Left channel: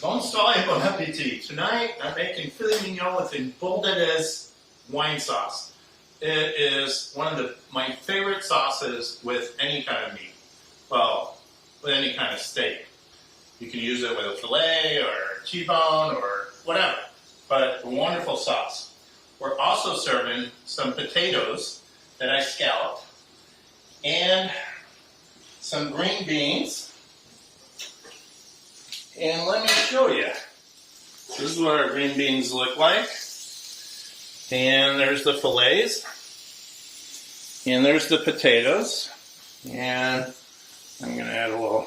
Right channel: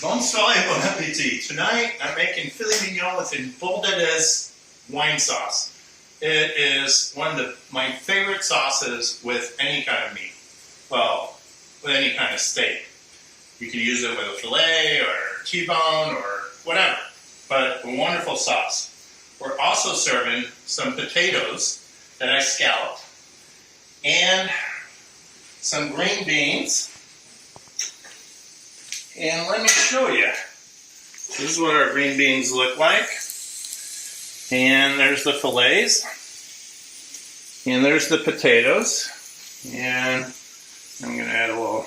Bonne Soirée, Bon Appetit. Tonight I'm making filet mignon with a bordelaise wine sauce. It is one of my favorite sauces with any kind of meat. Well, with any kind of steak. You can use it with a filet or T-bone or whatever, but a wonderful sauce. We're also serving some potatoes that I scalloped and some green beans. And let me show you. This is what our green beans look like. And there's the fillets. And there's the potatoes. And I'm going to add a little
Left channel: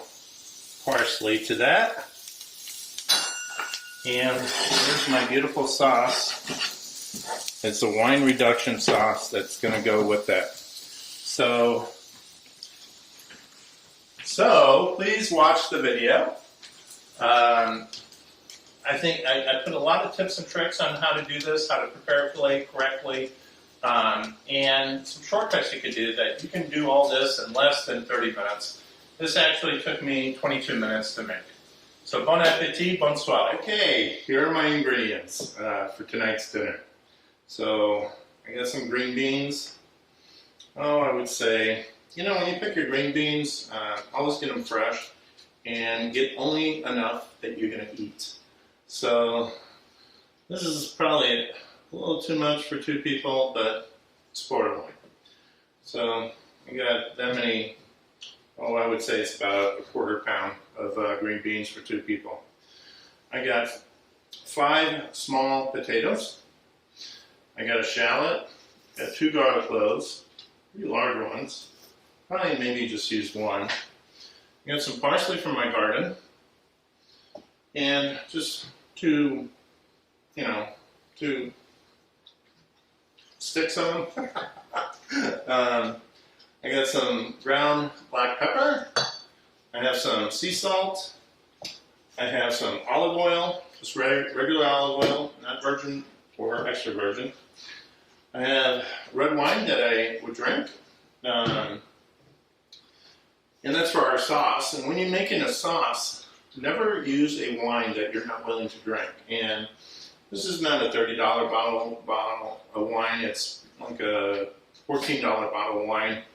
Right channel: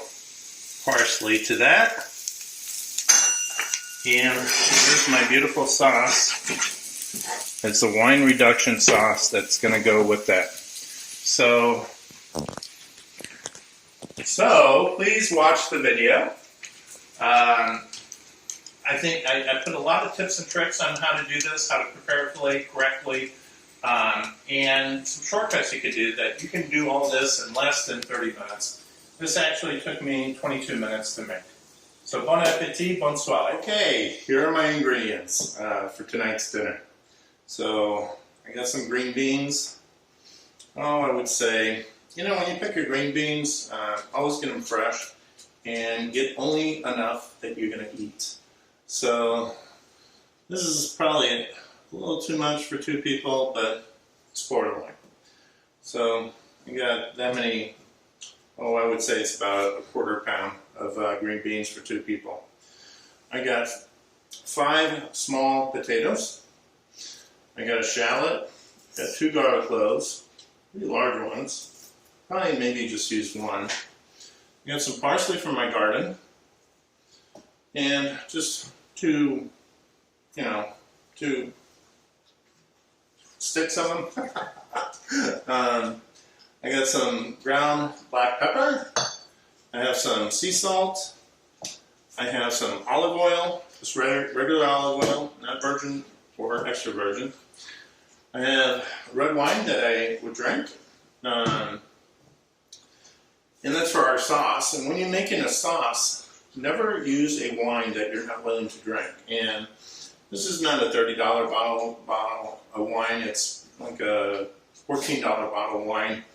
parsley to that. And here's my beautiful sauce. It's a wine reduction sauce that's going to go with that. So please watch the video. I think I put a lot of tips and tricks on how to do this, how to prepare a filet correctly, and some shortcuts you could do that you can do all this in less than 30 minutes. This actually took me 22 minutes to make. So bon appetit, bonne soirée. Okay, here are my ingredients for tonight's dinner. So I got some green beans. Oh, I would say, you know, when you pick your green beans, always get them fresh. And get only enough that you're going to eat. So this is probably a little too much for two people, but it's borderline. So I got that many, oh, I would say it's about a quarter pound of green beans for two people. I got 5 small potatoes. I got a shallot, got 2 garlic cloves, pretty large ones. Probably maybe just use 1. I got some parsley from my garden, and just 2 sticks of them. I got some ground black pepper. I have some sea salt. I have some olive oil, just regular olive oil, not virgin or extra virgin. I have red wine that I would drink. And that's for our sauce. And when you're making a sauce, never use a wine that you're not willing to drink. And this is not a $30 bottle of wine. It's like a $14 bottle of wine.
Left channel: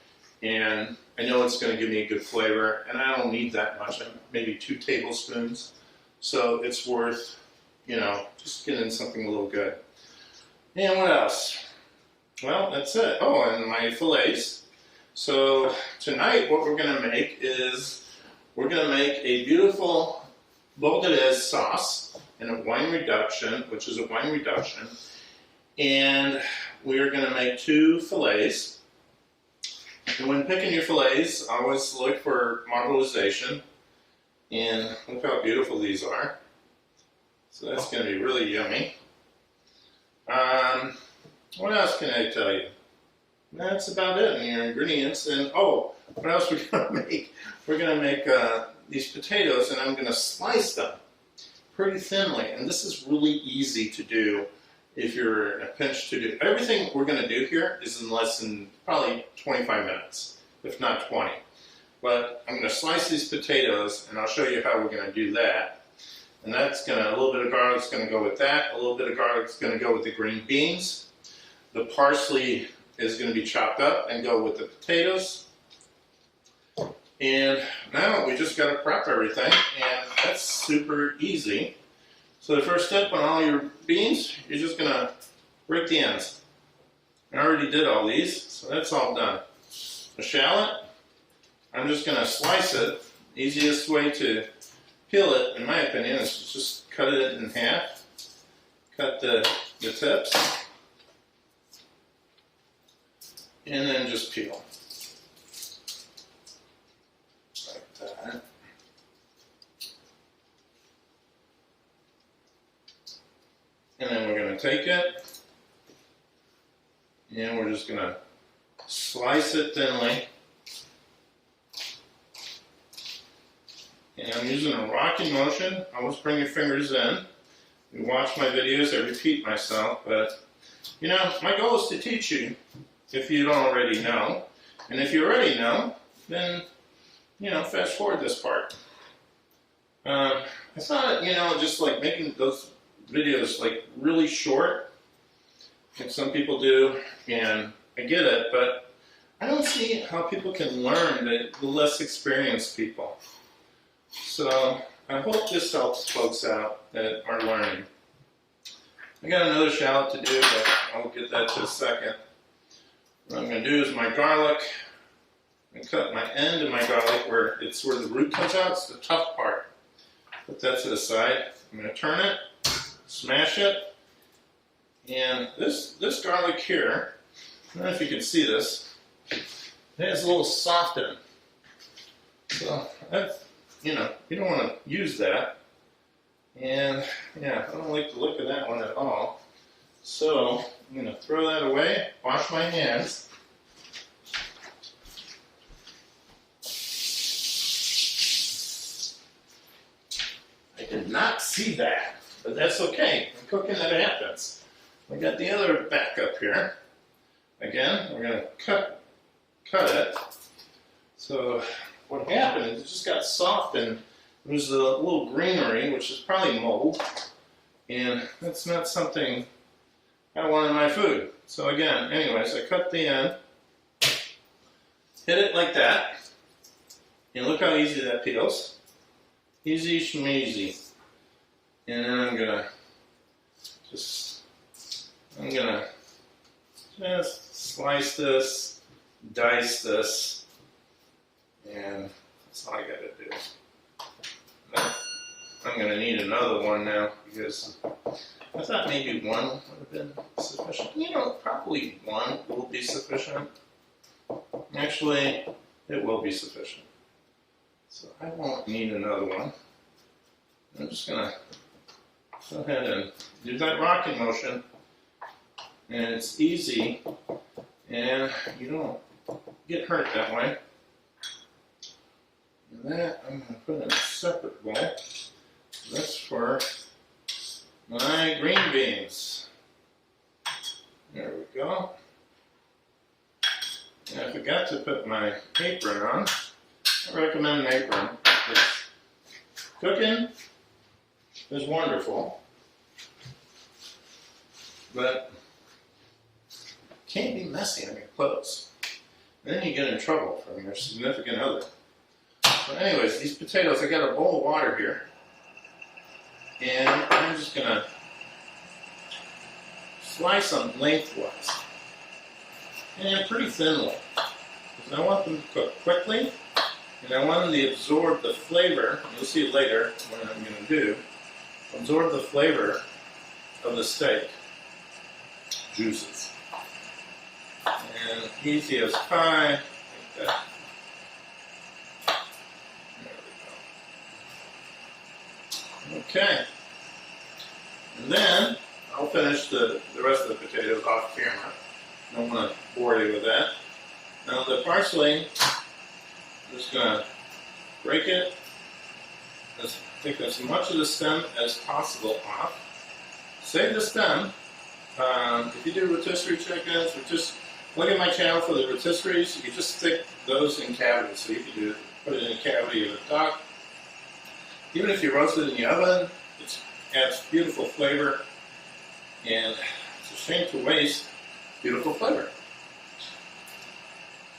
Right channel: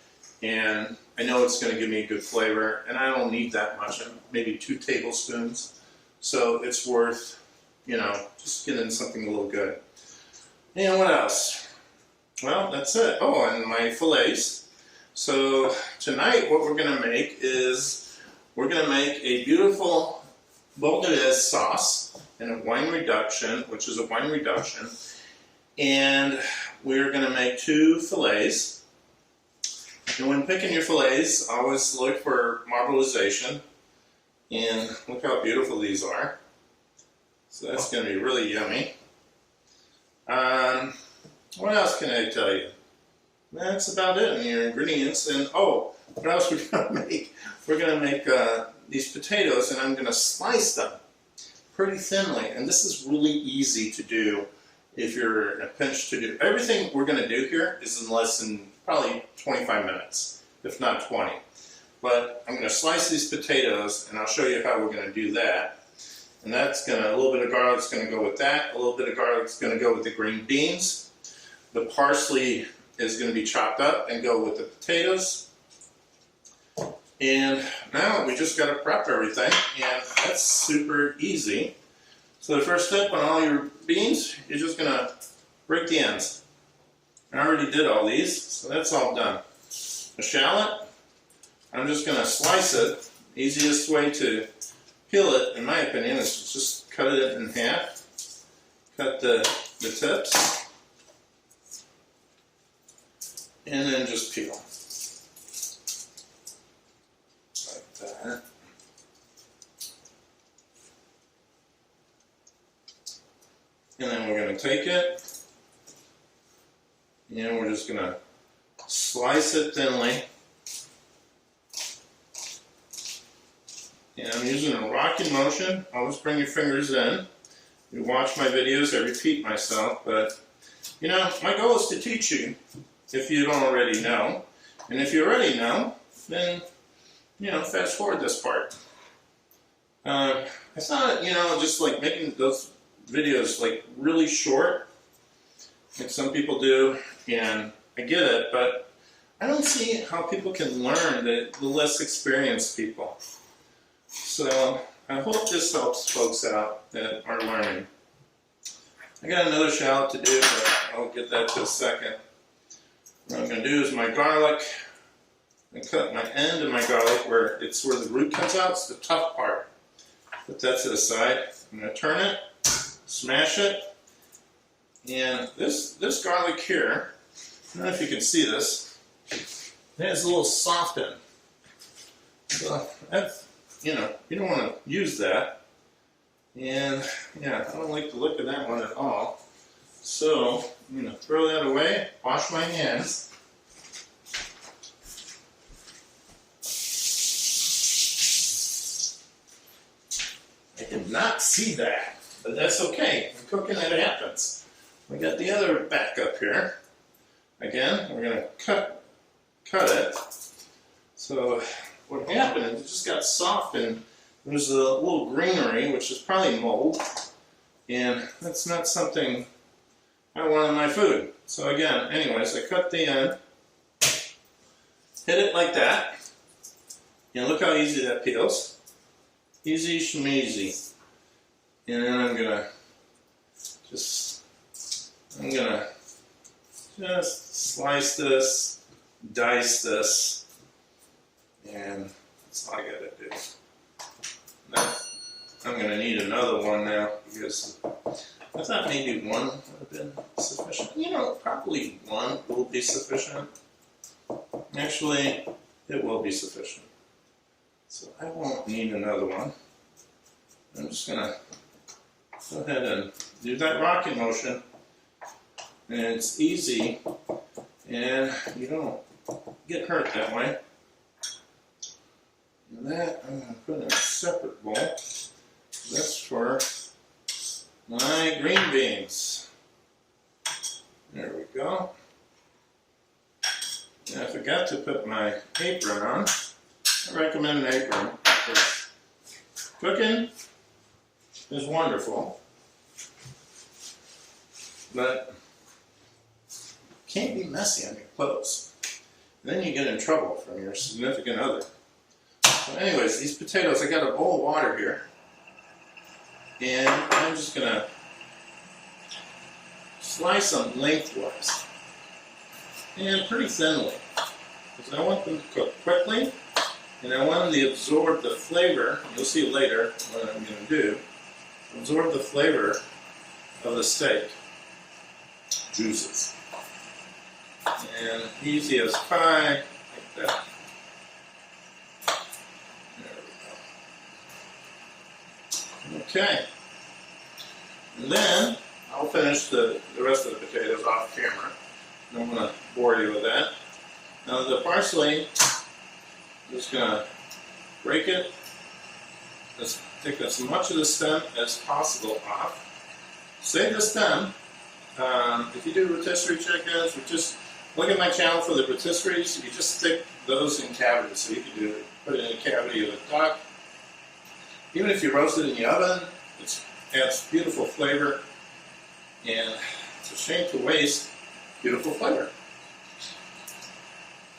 And I know it's going to give me a good flavor. And I don't need that much, maybe 2 tablespoons. So it's worth, just getting something a little good. And what else? Well, that's it. Oh, and my fillets. So tonight what we're going to make is we're going to make a beautiful bordelaise sauce and a wine reduction, which is a wine reduction. And we're going to make 2 fillets. And when picking your fillets, always look for marbleization. And look how beautiful these are. So that's going to be really yummy. What else can I tell you? That's about it in your ingredients. And oh, what else we're going to make? We're going to make these potatoes, and I'm going to slice them pretty thinly. And this is really easy to do if you're in a pinch to do. Everything we're going to do here is in less than probably 25 minutes, if not 20. But I'm going to slice these potatoes, and I'll show you how we're going to do that. And that's going to, a little bit of garlic's going to go with that. A little bit of garlic's going to go with the green beans. The parsley is going to be chopped up and go with the potatoes. And now we just got to prep everything, and that's super easy. So the first step on all your beans, you're just going to break the ends. I already did all these, so that's all done. A shallot, I'm just going to slice it. Easiest way to peel it, in my opinion, is just cut it in half. Cut the tips. And then just peel. Like that. And then we're going to take it, and we're just going to slice it thinly. And I'm using a rocking motion. Always bring your fingers in. You watch my videos, I repeat myself, but my goal is to teach you. If you don't already know, and if you already know, then fast forward this part. I thought, just like making those videos like really short, like some people do, and I get it, but I don't see how people can learn, the less experienced people. So I hope this helps folks out that are learning. I got another shallot to do, but I'll get that to a second. What I'm going to do is my garlic, and cut my end of my garlic where the root comes out. It's the tough part. Put that to the side. I'm going to turn it, smash it, and this garlic here, I don't know if you can see this, it has a little soften. So that's, you don't want to use that. And yeah, I don't like the look of that one at all. So I'm going to throw that away, wash my hands. I did not see that, but that's okay. I'm cooking, it happens. We got the other back up here. Again, we're going to cut it. So what happened is it just got soft and there's a little greenery, which is probably mold, and that's not something I want in my food. So again, anyways, I cut the end, hit it like that, and look how easy that peels. Easy schmeezy. And then I'm gonna just slice this, dice this, and that's all I gotta do. Now, I'm gonna need another one now because I thought maybe one would have been sufficient. Probably one will be sufficient. Actually, it will be sufficient. So I won't need another one. I'm just gonna go ahead and do that rocking motion. And it's easy, and you don't get hurt that way. And that I'm gonna put in a separate bowl. That's for my green beans. There we go. And I forgot to put my apron on. I recommend an apron. Cooking is wonderful, but can't be messy on your clothes. And then you get in trouble from your significant other. So anyways, these potatoes, I got a bowl of water here, and I'm just gonna slice them lengthwise and pretty thinly, because I want them to cook quickly. And I want them to absorb the flavor, you'll see later what I'm going to do, absorb the flavor of the steak juices. And easy as pie, like that. There we go. Okay. And then I'll finish the rest of the potatoes off camera. I don't want to bore you with that. Now the parsley, I'm just going to break it, take as much of the stem as possible off. Save the stem. If you do rotisserie chickens, or just look at my channel for the rotisseries, you just stick those in cavities. So you can put it in a cavity of a duck. Even if you roast it in the oven, it adds beautiful flavor, and it's a shame to waste beautiful flavor.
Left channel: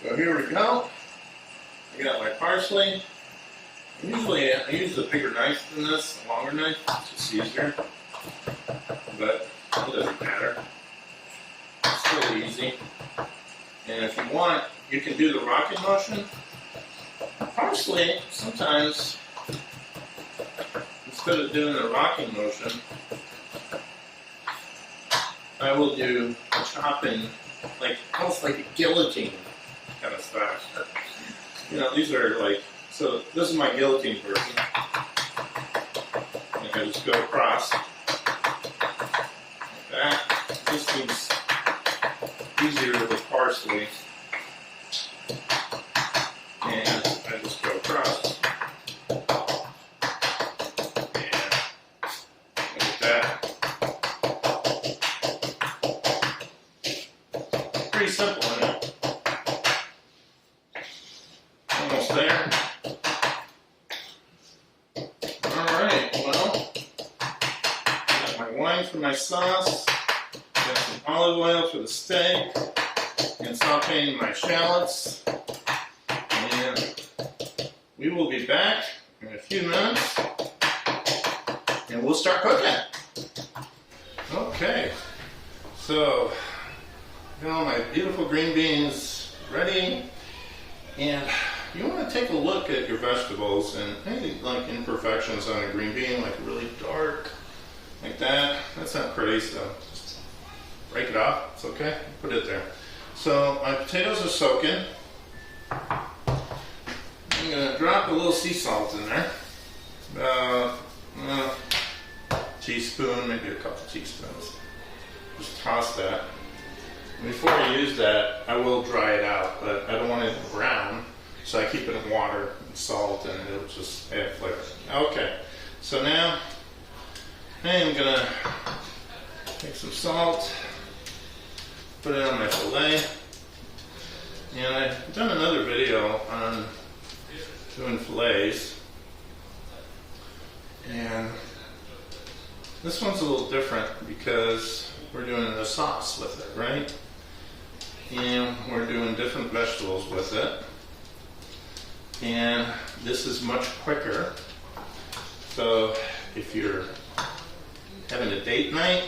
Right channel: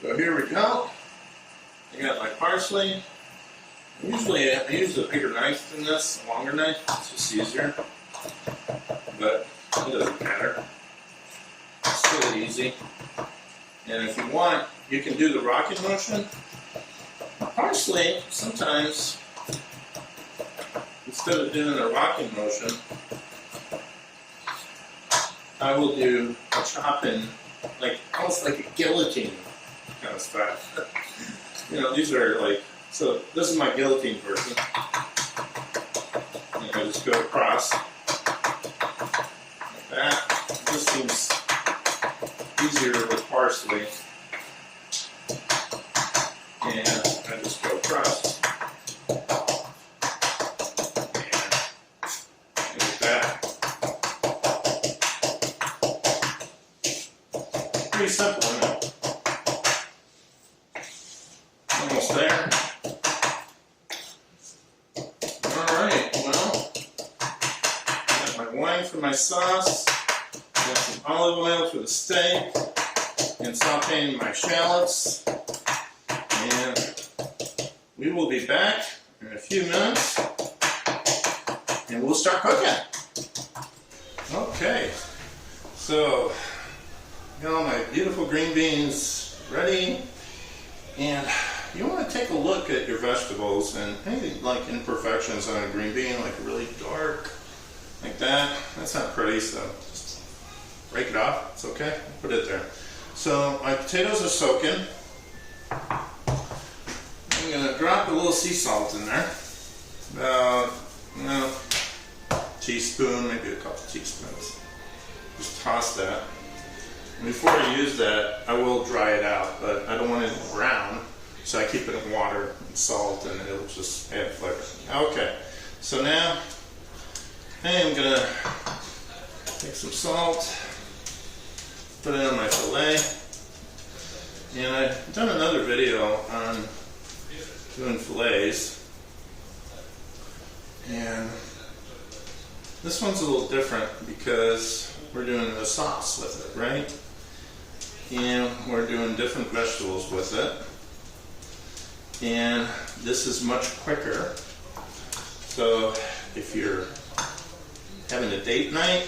So here we go. I got my parsley. Usually I use a bigger knife than this, a longer knife. It's just easier. But it doesn't matter. It's still easy. And if you want, you can do the rocking motion. Parsley, sometimes, instead of doing the rocking motion, I will do chopping, almost like a guillotine kind of stuff. These are so this is my guillotine version. And I just go across like that. This seems easier with parsley. And I just go across. And like that. Pretty simple, isn't it? Almost there. frying for my sauce. Got some olive oil for the steak. And sauteing my shallots. And we will be back in a few minutes. And we'll start cooking. Okay. So, got all my beautiful green beans ready. And you want to take a look at your vegetables and any like imperfections on a green bean, like really dark, like that. That's not pretty, so just break it off. It's okay. Put it there. So my potatoes are soaking. I'm going to drop a little sea salt in there. About a teaspoon, maybe a couple teaspoons. Just toss that. And before I use that, I will dry it out, but I don't want it brown, so I keep it in water and salt, and it'll just add flavor. Okay, so now I am going to take some salt, put it on my filet, and I've done another video on doing fillets, and this one's a little different because we're doing a sauce with it, right? And we're doing different vegetables with it, and this is much quicker. So if you're having a date night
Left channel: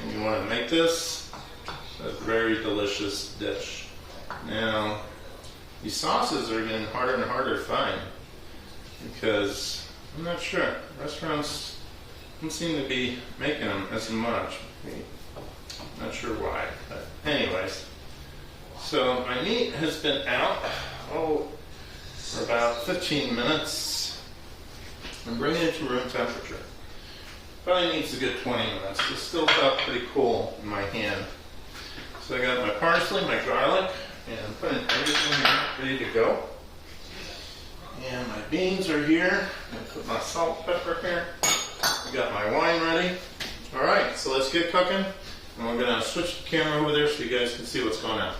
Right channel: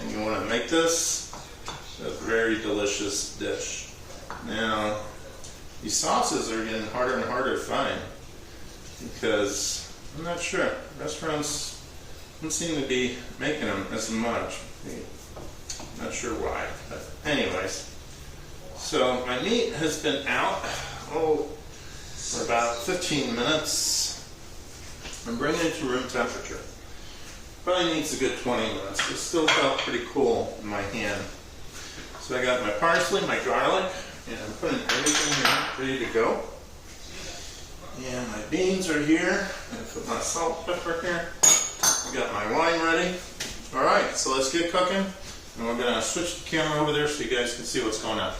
and you want to make this, it's a very delicious dish. Now, these sauces are getting harder and harder to find because I'm not sure. Restaurants don't seem to be making them as much. Not sure why, but anyways. So my meat has been out, for about 15 minutes. I'm bringing it to room temperature. Probably needs a good 20 minutes. It still felt pretty cool in my hand. So I got my parsley, my garlic, and I'm putting everything in ready to go. And my beans are here. I put my salt, pepper here. I got my wine ready. All right, so let's get cooking. And we're gonna switch the camera over there so you guys can see what's going on.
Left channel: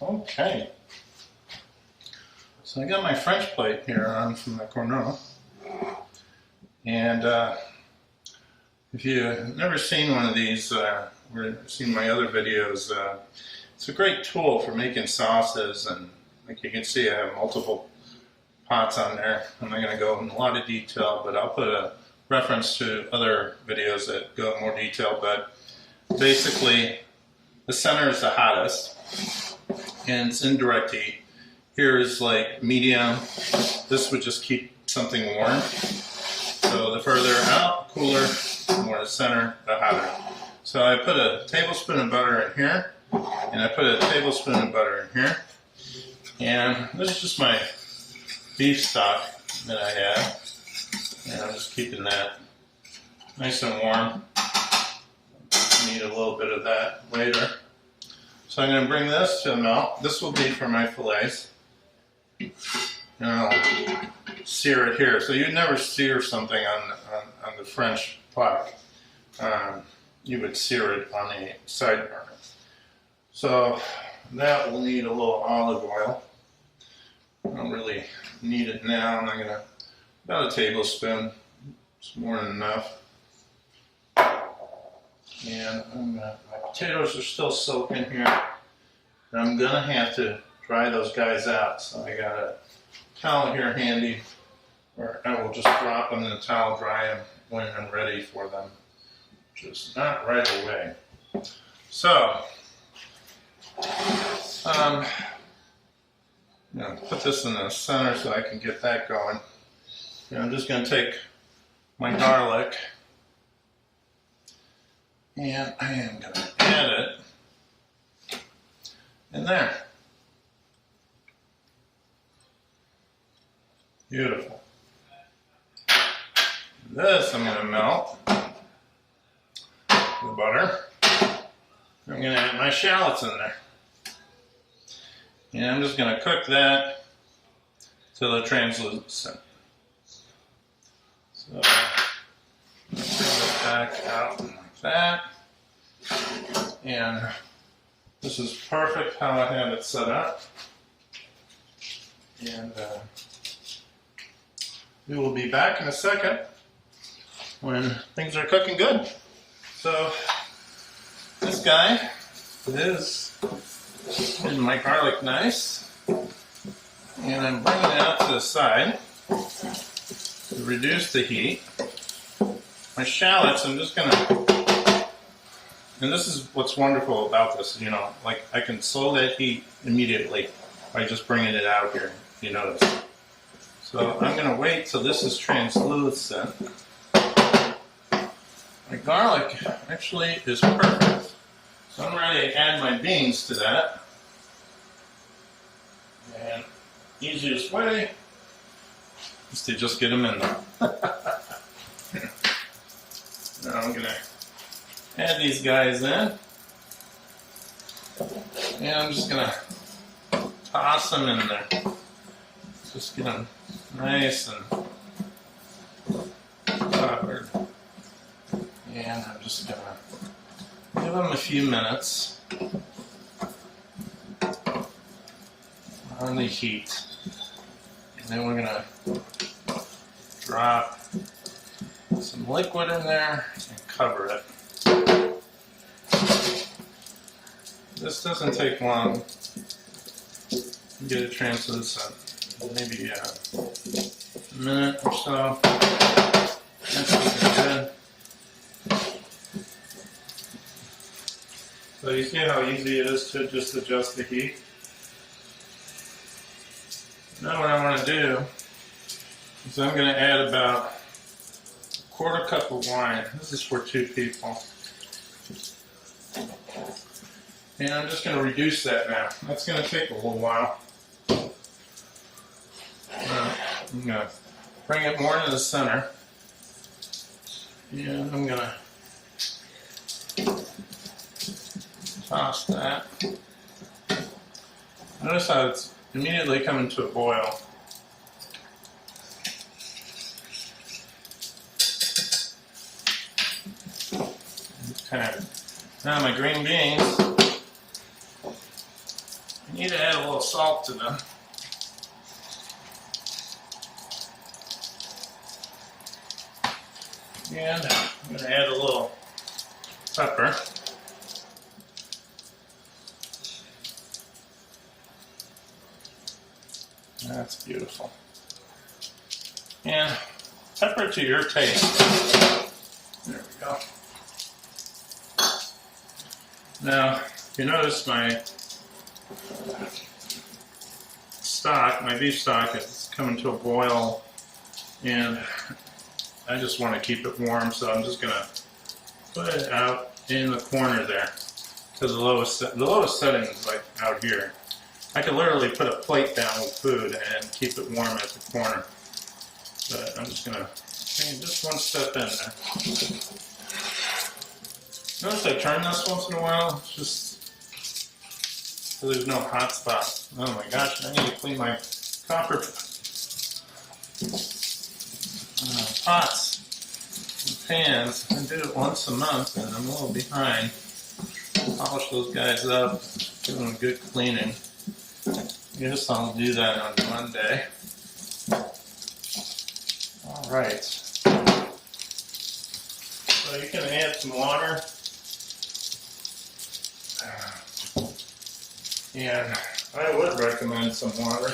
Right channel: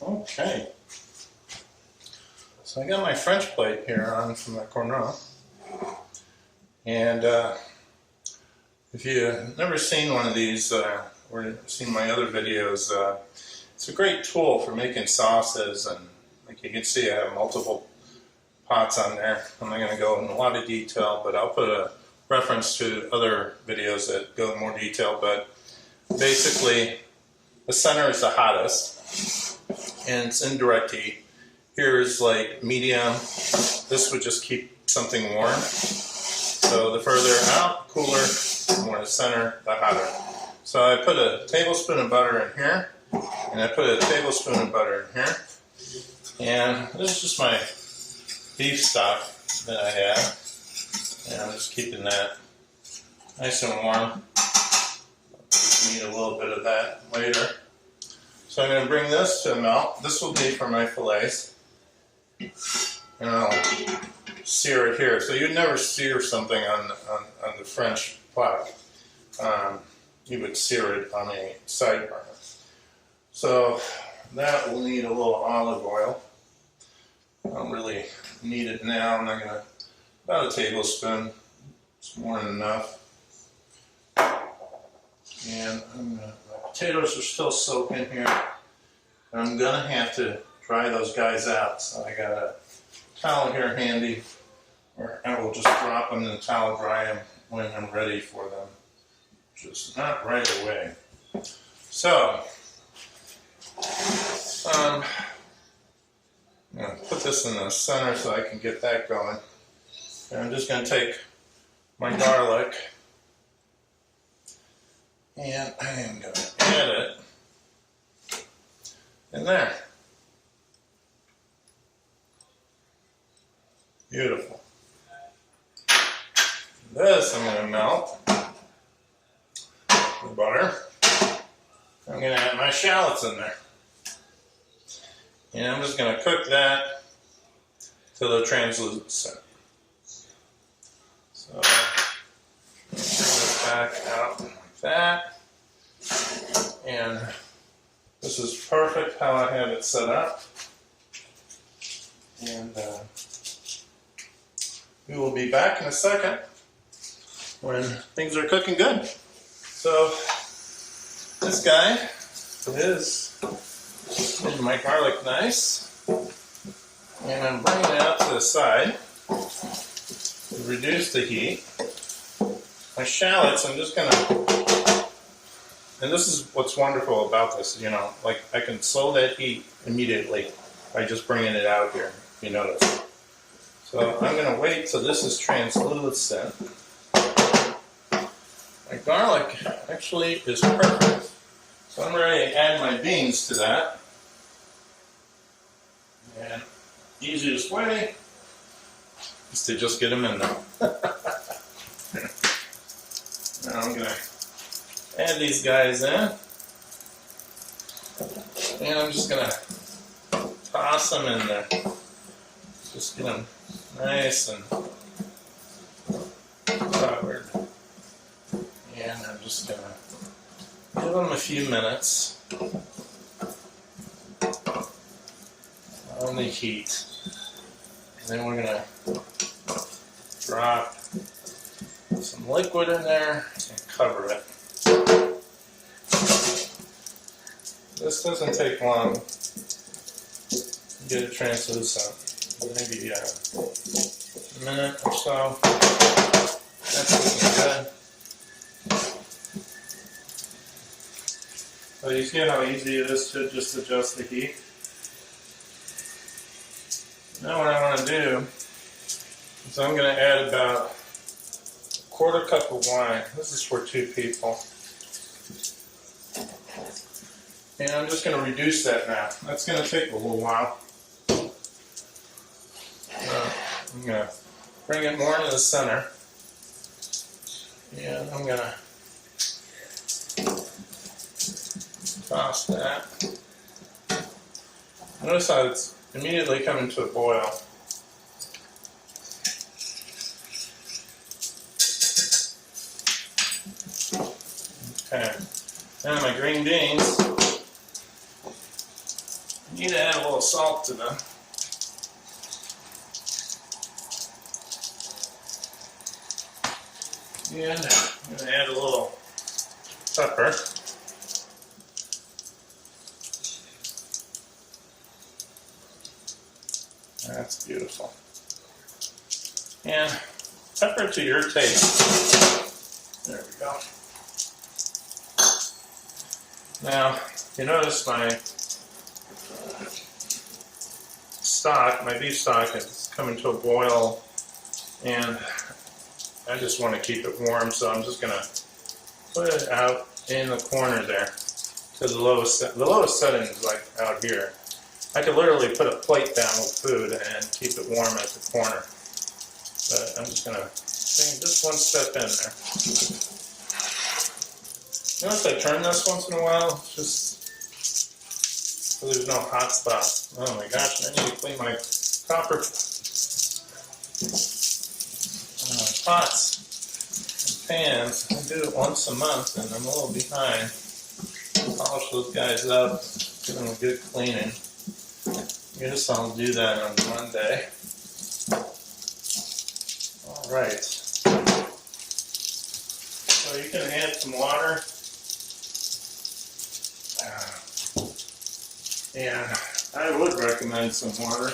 Okay. So I got my French plate here on from the corner. And if you've never seen one of these or seen my other videos, it's a great tool for making sauces. And like you can see, I have multiple pots on there. I'm not going to go in a lot of detail, but I'll put a reference to other videos that go in more detail. But basically, the center is the hottest, and it's in direct heat. Here is like medium. This would just keep something warm. So the further out, cooler, the more the center, the hotter. So I put a tablespoon of butter in here, and I put a tablespoon of butter in here. And this is just my beef stock that I have. And I'm just keeping that nice and warm. Need a little bit of that later. So I'm going to bring this to a melt. This will be for my fillets. And I'll sear it here. So you'd never sear something on the French plaque. You would sear it on a side burner. So that will need a little olive oil. I don't really need it now. I'm not going to, about a tablespoon. It's more than enough. And my potatoes are still soaking here. And I'm going to have to dry those guys out. So I got a towel here handy, or I will just drop them in the towel, dry them when I'm ready for them. Just not right away. So, I'm going to put this in the center so I can get that going. And I'm just going to take my garlic and I am going to add it in there. Beautiful. This I'm going to melt the butter. I'm going to add my shallots in there. And I'm just going to cook that till they're translucent. So, I'm going to turn it back out like that. And this is perfect how I have it set up. And we will be back in a second when things are cooking good. So this guy is getting my garlic nice, and I'm bringing it out to the side to reduce the heat. My shallots, I'm just gonna, and this is what's wonderful about this, you know, like I can slow that heat immediately by just bringing it out here, you notice. So I'm gonna wait till this is translucent. My garlic actually is perfect. So I'm ready to add my beans to that. And easiest way is to just get them in there. Now I'm going to add these guys in. And I'm just going to toss them in there. Just get them nice and covered. And I'm just going to give them a few minutes on the heat. And then we're going to drop some liquid in there and cover it. This doesn't take long to get it translucent. Maybe a minute or so. That's looking good. So you see how easy it is to just adjust the heat? Now what I want to do is I'm going to add about a quarter cup of wine. This is for 2 people. And I'm just going to reduce that now. That's going to take a little while. I'm going to bring it more into the center. And I'm going to toss that. Notice how it's immediately coming to a boil. Okay. Now my green beans, I need to add a little salt to them. And I'm going to add a little pepper. That's beautiful. And pepper to your taste. There we go. Now, you notice my stock, my beef stock, is coming to a boil, and I just want to keep it warm, so I'm just going to put it out in the corner there to the lowest setting is like out here. I could literally put a plate down with food and keep it warm at the corner. But I'm just going to bring just one step in there. Notice I turn this once in a while, just so there's no hot spots. Oh my gosh, I need to clean my copper pots and pans. I do it once a month and I'm a little behind. Polish those guys up, give them a good cleaning. Yes, I'll do that on Monday. Alright. So you can add some water. And I would recommend some water.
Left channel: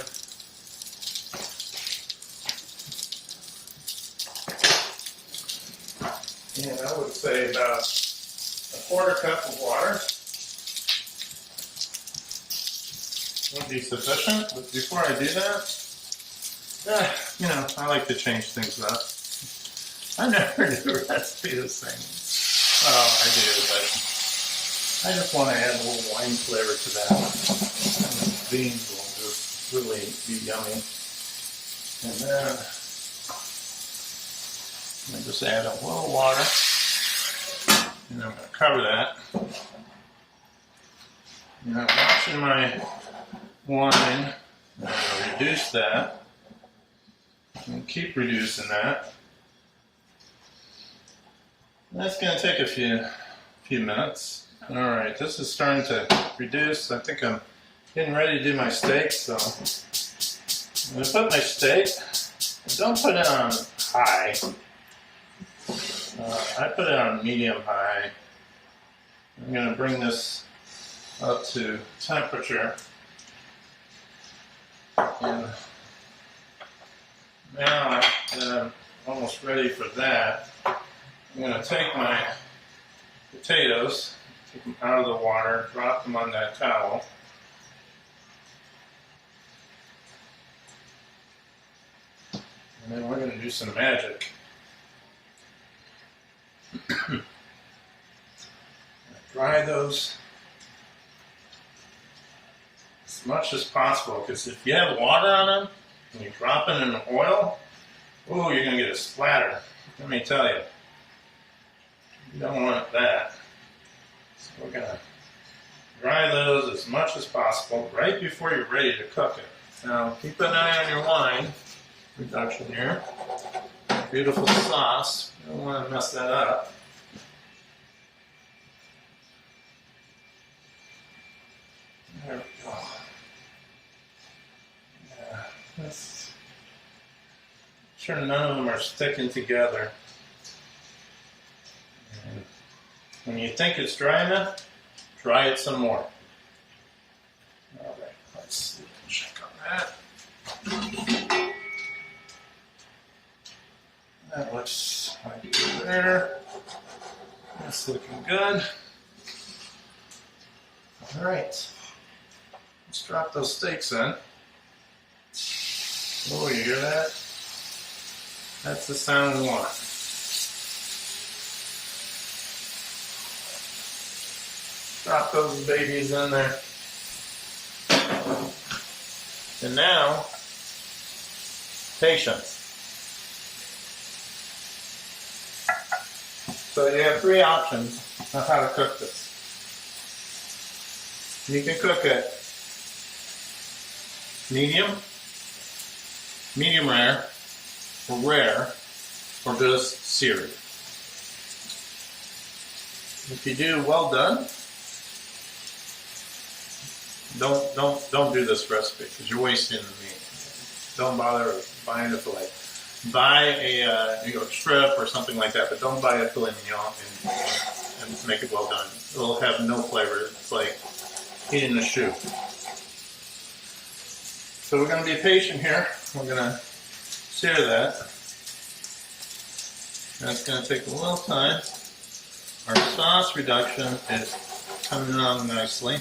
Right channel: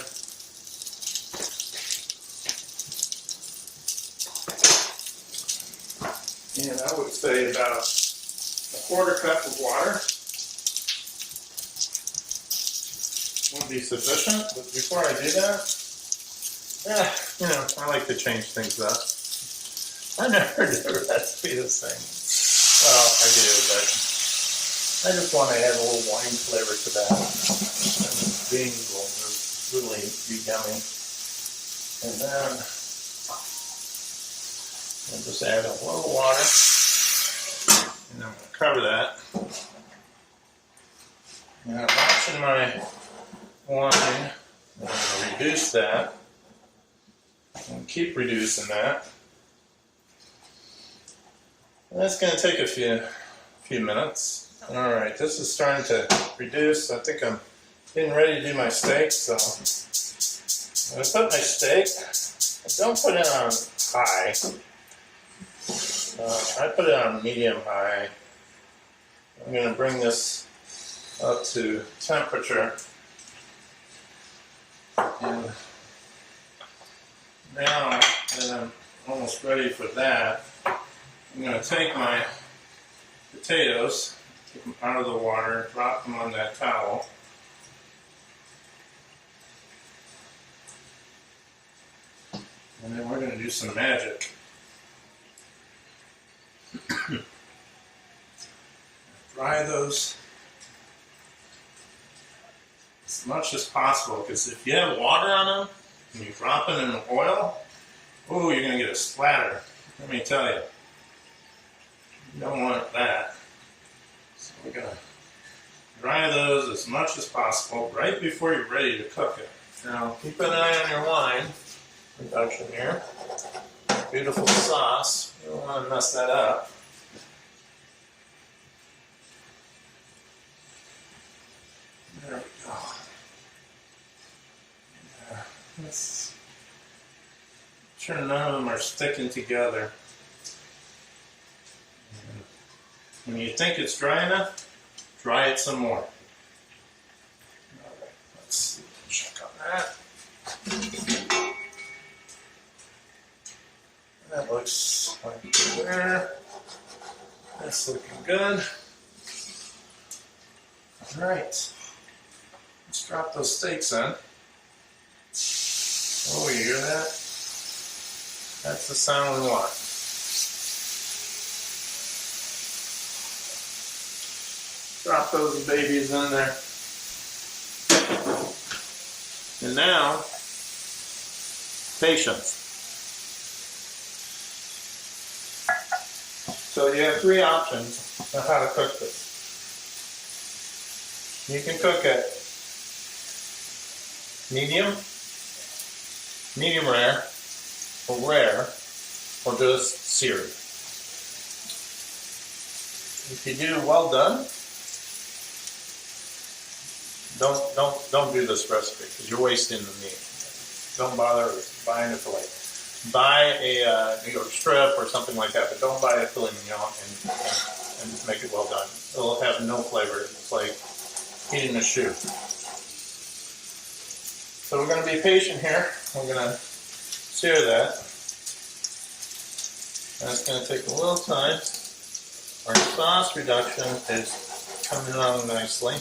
And I would say about a quarter cup of water would be sufficient, but before I do that, you know, I like to change things up. I never do a recipe the same. Well, I do, but I just want to add a little wine flavor to that. And the beans will just really be yummy. And then I just add a little water, and I'm going to cover that. And I'm watching my wine. I'm going to reduce that and keep reducing that. And that's going to take a few minutes. All right, this is starting to reduce. I think I'm getting ready to do my steak, so I'm going to put my steak. Don't put it on high. I put it on medium high. I'm going to bring this up to temperature. And now that I'm almost ready for that, I'm going to take my potatoes, take them out of the water, drop them on that towel. And then we're going to do some magic. Dry those as much as possible, because if you have water on them and you drop it in the oil, oh, you're going to get a splatter. Let me tell you. You don't want that. So we're going to dry those as much as possible right before you're ready to cook it. Now, keep an eye on your wine reduction here. Beautiful sauce. You don't want to mess that up. There we go. Yeah, let's sure none of them are sticking together. And when you think it's dry enough, dry it some more. All right, let's see. Check on that. That looks like there. That's looking good. All right. Let's drop those steaks in. Oh, you hear that? That's the sound we want. Drop those babies in there. And now, patience. So you have three options of how to cook this. You can cook it medium, medium rare, or just seared. If you do well done, don't do this recipe because you're wasting the meat. Don't bother buying a fillet. Buy a New York strip or something like that, but don't buy a filet mignon and make it well done. It'll have no flavor. It's like eating a shoe. So we're going to be patient here. We're going to sear that. And it's going to take a little time. Our sauce reduction is coming along nicely.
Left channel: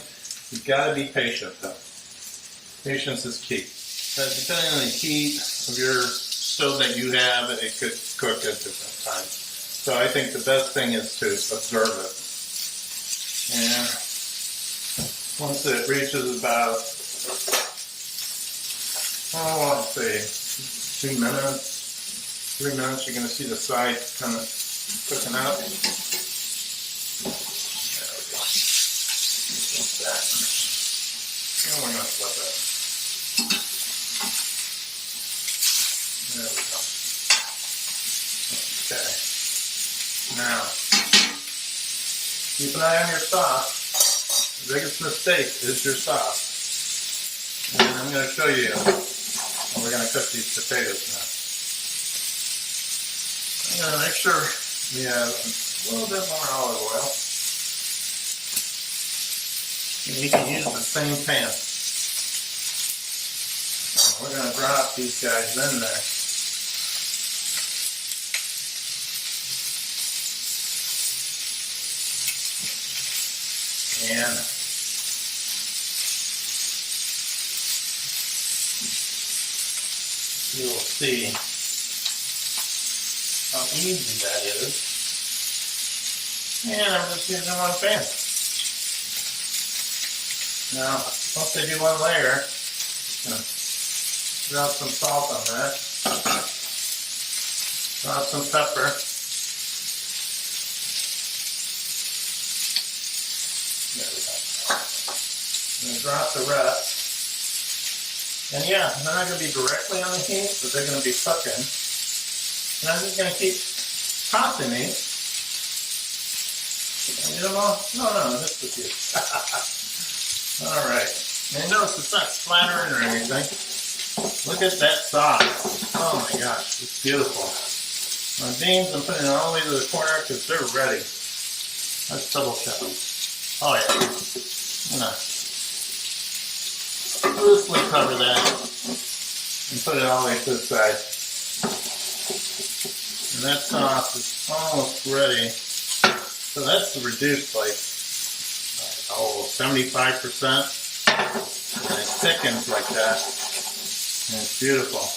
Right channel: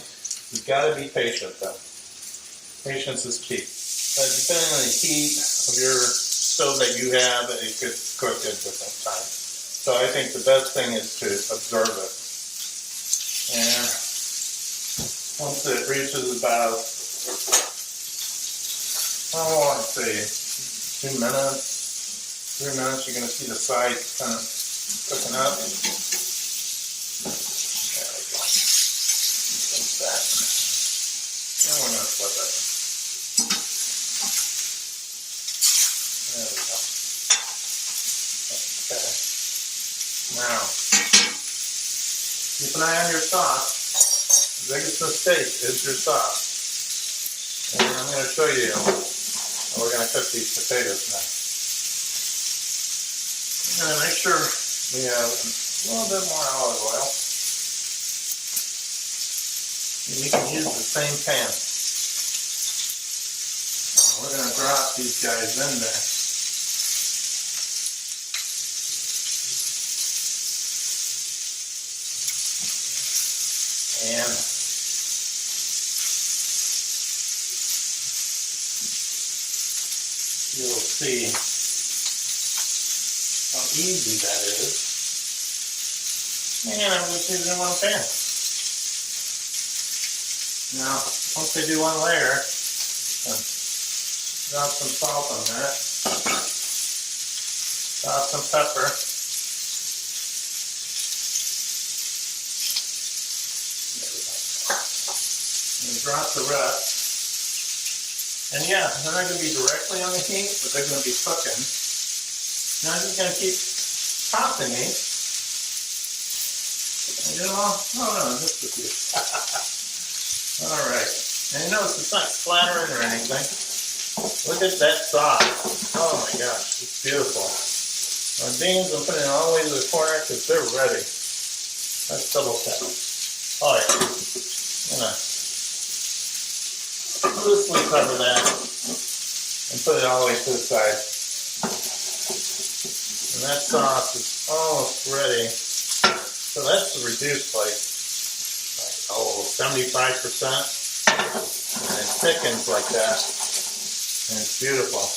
You've got to be patient though. Patience is key. Depending on the heat of your stove that you have, it could cook at different times. So I think the best thing is to observe it. And once it reaches about, I'd say 2 minutes, 3 minutes, you're going to see the side kind of cooking up. There we go. Like that. And we're going to flip it. There we go. Okay. Now, keep an eye on your sauce. The biggest mistake is your sauce. And I'm going to show you how we're going to cook these potatoes now. I'm going to make sure we have a little bit more olive oil. And you can use the same pan. And we're going to drop these guys in there. And you'll see how easy that is. And I'm just using one pan. Now, once they do one layer, drop some salt on that. Drop some pepper. There we go. And drop the rest. And yeah, they're not going to be directly on the heat, but they're going to be cooking. And I'm just going to keep tossing these. You know, no, just a few. All right. And you notice it's not splattering or anything. Look at that sauce. Oh my gosh, it's beautiful. My beans, I'm putting it all the way to the corner because they're ready. Let's double check. Oh yeah. I'm gonna loosely cover that and put it all the way to the side. And that sauce is almost ready. So that's reduced like 75%. And it thickens like that. And it's beautiful.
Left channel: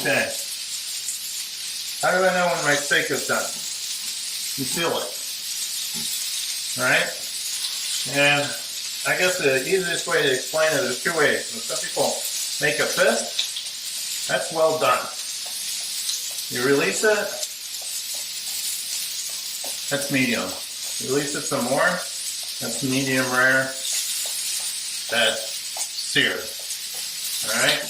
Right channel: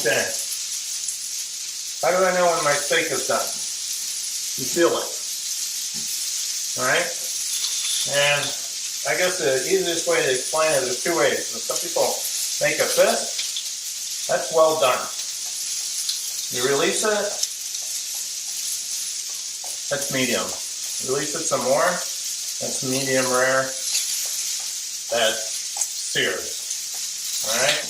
Okay. How do I know when my steak is done? You feel it. Alright? And I guess the easiest way to explain it is two ways. When some people make a fist, that's well done. You release it, that's medium. Release it some more, that's medium rare, that's seared. Alright?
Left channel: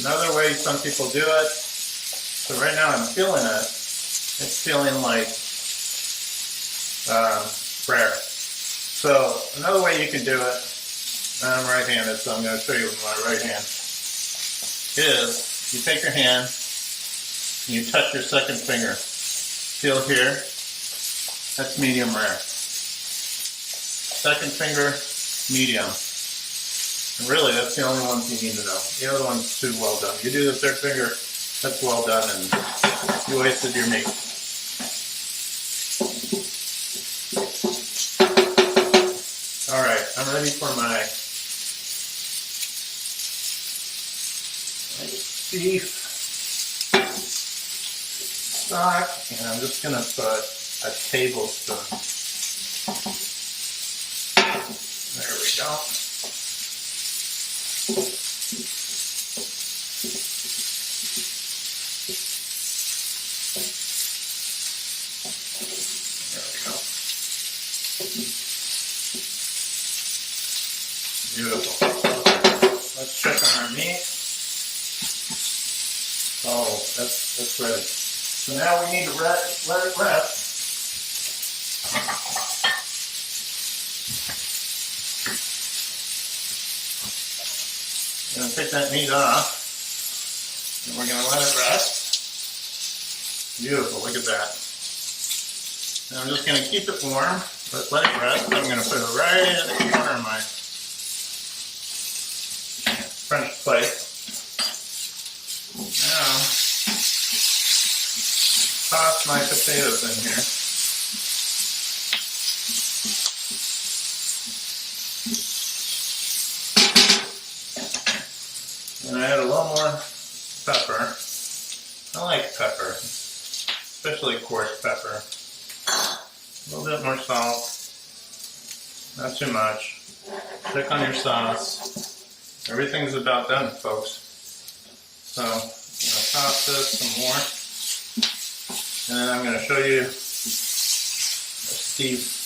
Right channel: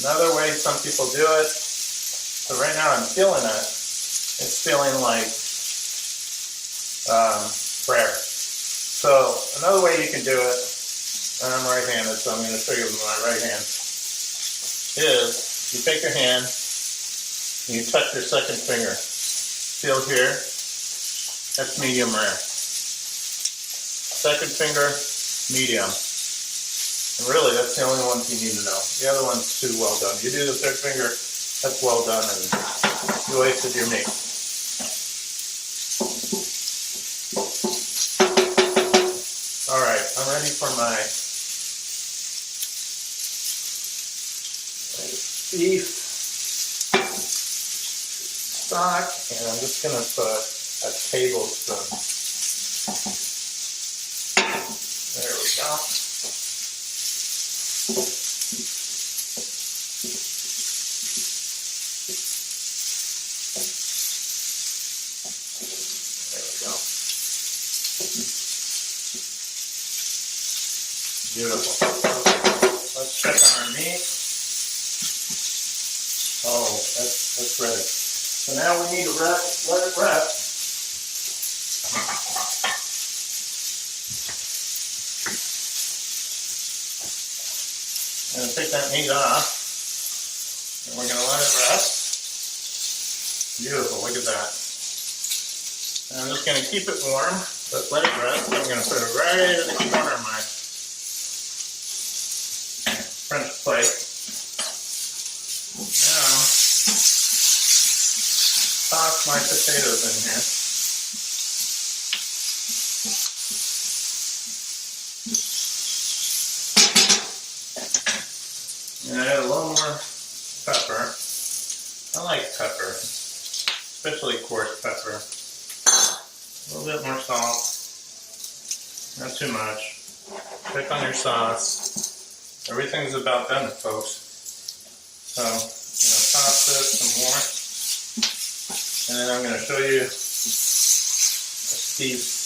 Another way some people do it, so right now I'm feeling it, it's feeling like rare. So another way you can do it, and I'm right-handed, so I'm going to show you with my right hand, is you take your hand, and you touch your second finger. Feel here, that's medium rare. Second finger, medium. And really, that's the only ones you need to know. The other one's too well done. You do the third finger, that's well done, and you wasted your meat. Alright, I'm ready for my beef stock, and I'm just going to put a tablespoon. There we go. There we go. Beautiful. Let's check on our meat. Oh, that's ready. So now we need to let it rest. I'm going to take that meat off, and we're going to let it rest. Beautiful, look at that. And I'm just going to keep it warm, but let it rest. I'm going to put it right in the corner of my French plate. Now, toss my potatoes in here. And I add a little more pepper. I like pepper, especially coarse pepper. A little bit more salt, not too much. Click on your sauce. Everything's about done, folks. So I'm going to toss this some more. And then I'm going to show you Steve's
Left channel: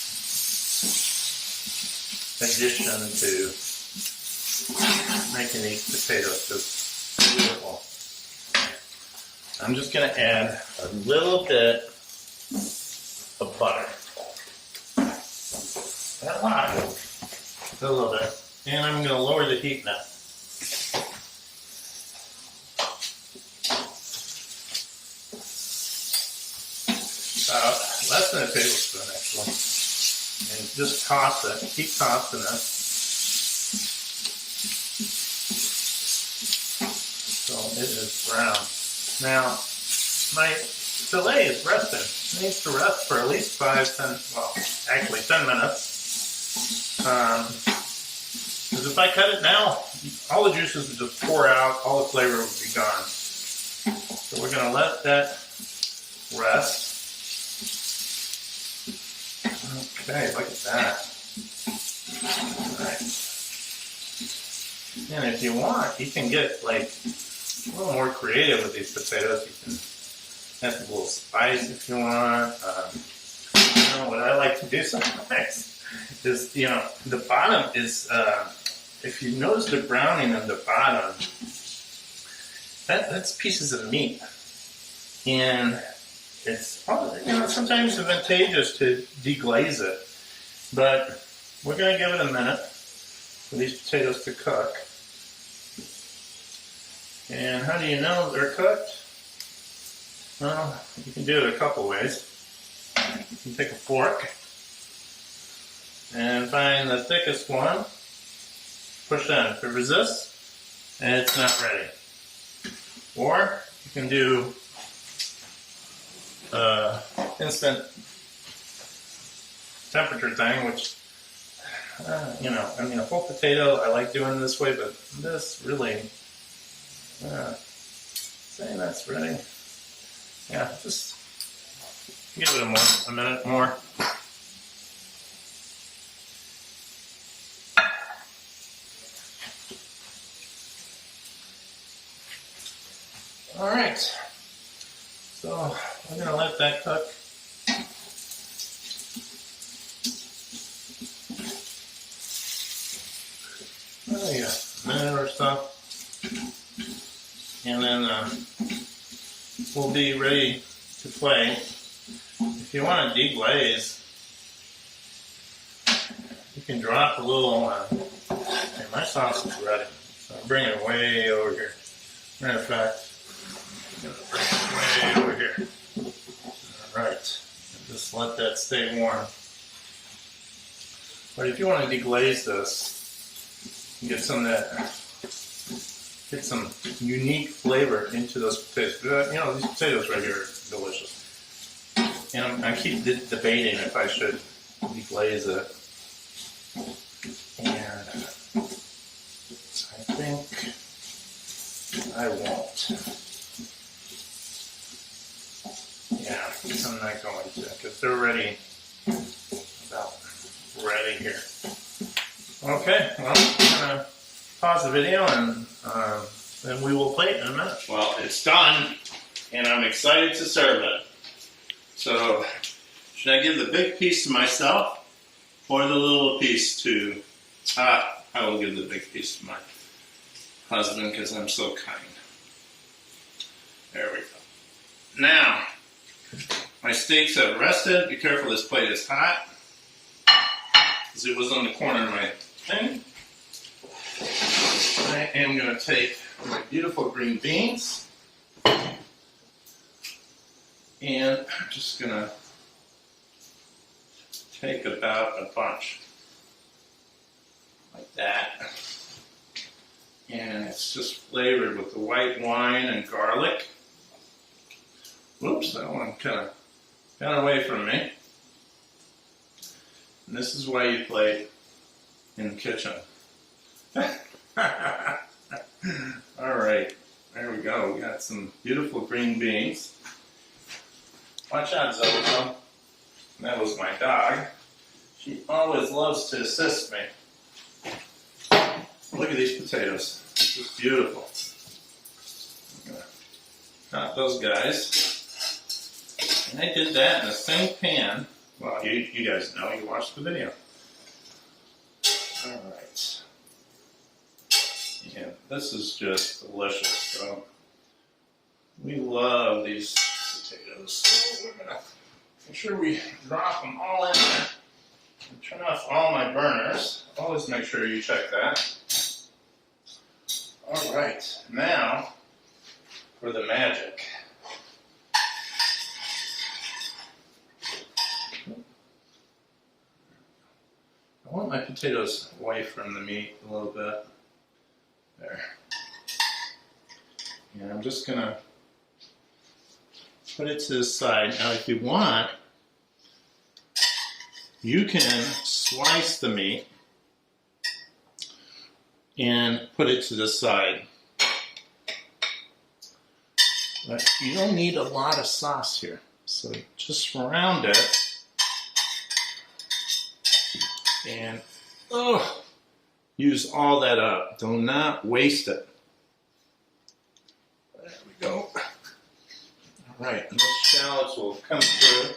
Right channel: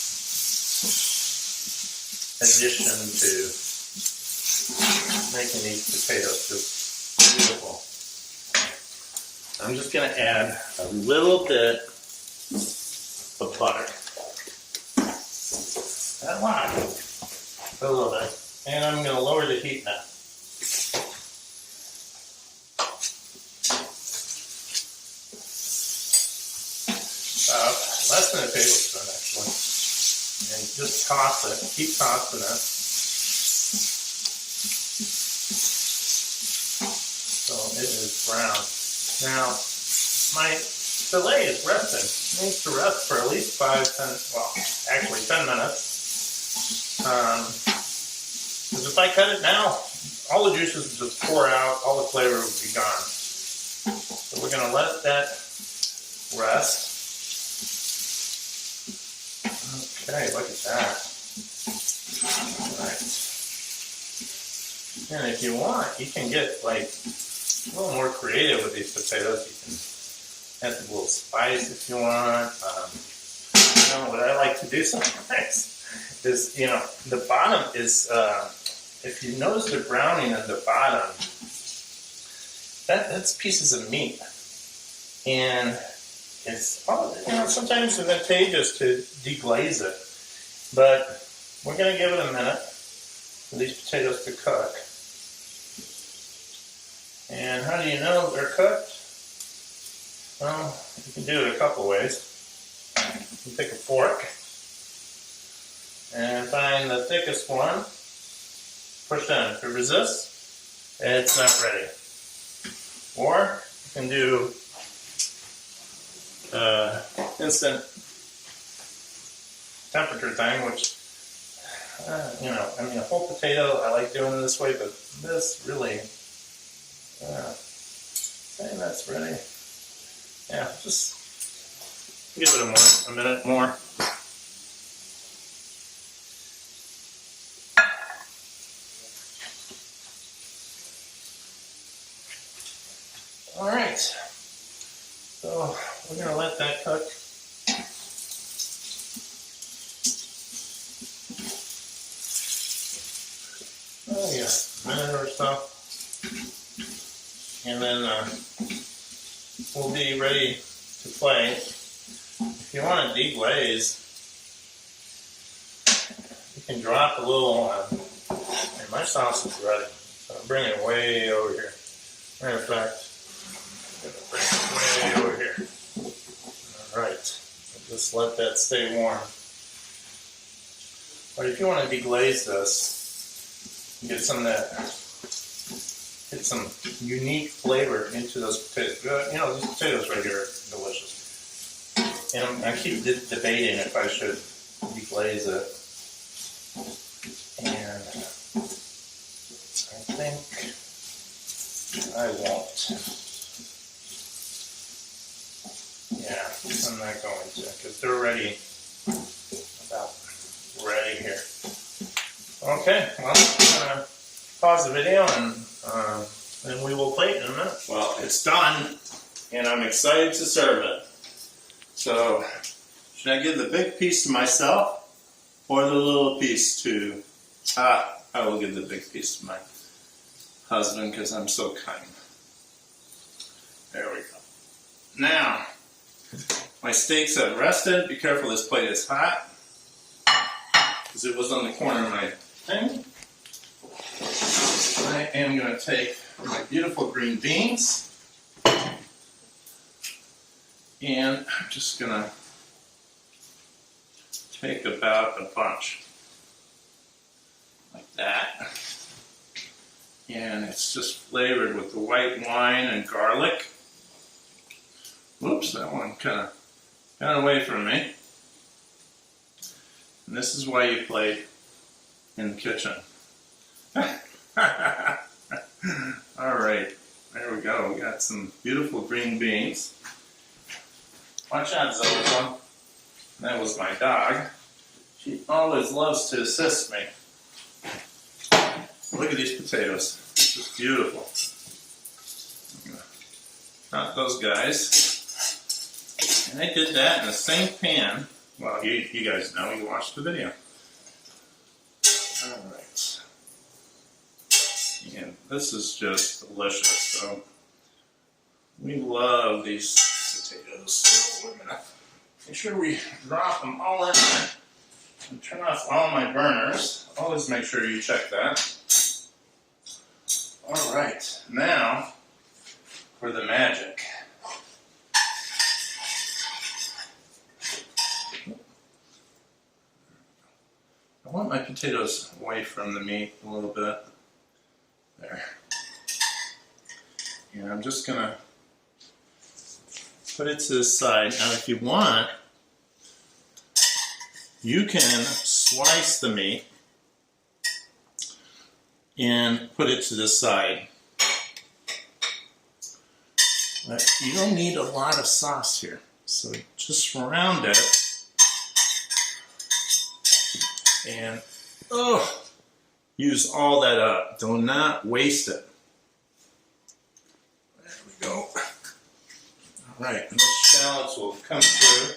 addition to making these potatoes just beautiful. I'm just going to add a little bit of butter. Not a lot, a little bit. And I'm going to lower the heat now. Less than a tablespoon, actually. And just toss it. Keep tossing it. So it is brown. Now, my filet is resting. It needs to rest for at least 10 minutes. Because if I cut it now, all the juices will just pour out, all the flavor will be gone. So we're going to let that rest. Okay, look at that. Alright. And if you want, you can get like a little more creative with these potatoes. You can add a little spice if you want. What I like to do sometimes is, the bottom is, if you notice the browning at the bottom, that's pieces of meat. And it's sometimes advantageous to deglaze it, but we're going to give it a minute for these potatoes to cook. And how do you know they're cooked? Well, you can do it a couple ways. You can take a fork and find the thickest one, push in. If it resists, it's not ready. Or you can do instant temperature thing, which, you know, I mean, a whole potato, I like doing it this way, but this really, saying that's ready. Yeah, just give it a minute more. All right, so we're going to let that cook. Oh yeah, a minute or so. And then we'll be ready to play. If you want to deglaze, you can drop a little, hey, my sauce is ready, so I'm bringing it way over here. Matter of fact, I'm going to bring it way over here. Alright, just let that stay warm. But if you want to deglaze this, you get some of that, get some unique flavor into those potatoes. You know, these potatoes right here are delicious. And I keep debating if I should deglaze it. And I think I won't. Yeah, I'm not going to, because they're already about ready here. Okay, well, I'm going to pause the video and we will play it in a minute. Well, it's done, and I'm excited to serve it. So, should I give the big piece to myself or the little piece to... I will give the big piece to my husband because I'm so kind. There we go. Now, my steaks have rested. Be careful, this plate is hot because it was on the corner of my thing. I am going to take my beautiful green beans. And I'm just going to take about a bunch, like that. And it's just flavored with the white wine and garlic. Whoops, that one kind of got away from me. And this is why you play in the kitchen. All right, there we go. We got some beautiful green beans. Watch out, Zelda. That was my dog. She always loves to assist me. Look at these potatoes. It's just beautiful. I'm gonna cut those guys. And I did that in the same pan. Well, you guys know, you watched the video. All right. And this is just delicious. So we love these potatoes. So we're gonna make sure we drop them all in there and turn off all my burners. Always make sure you check that. All right, now for the magic. I want my potatoes away from the meat a little bit. There. And I'm just gonna put it to the side. Now if you want, you can slice the meat and put it to the side. But you don't need a lot of sauce here. So just surround it. And use all that up. Do not waste it. There we go. All right, and those shallots will come through.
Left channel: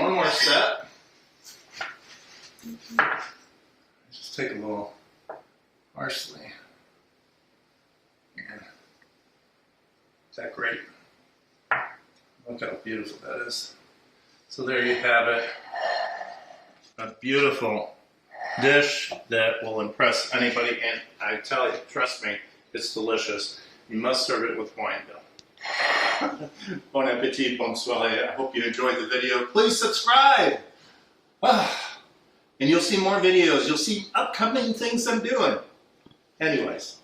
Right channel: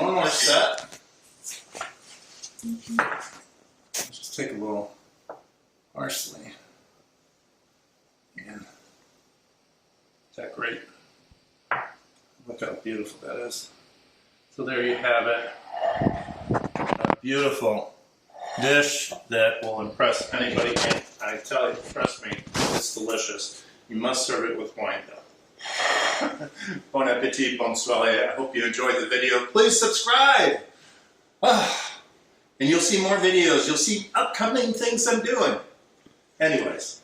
One more step. Just take a little parsley. And decorate. Look how beautiful that is. So there you have it. A beautiful dish that will impress anybody, and I tell you, trust me, it's delicious. You must serve it with wine, though. Bon appetit, bonne soirée. I hope you enjoyed the video. Please subscribe. And you'll see more videos. You'll see upcoming things I'm doing. Anyways.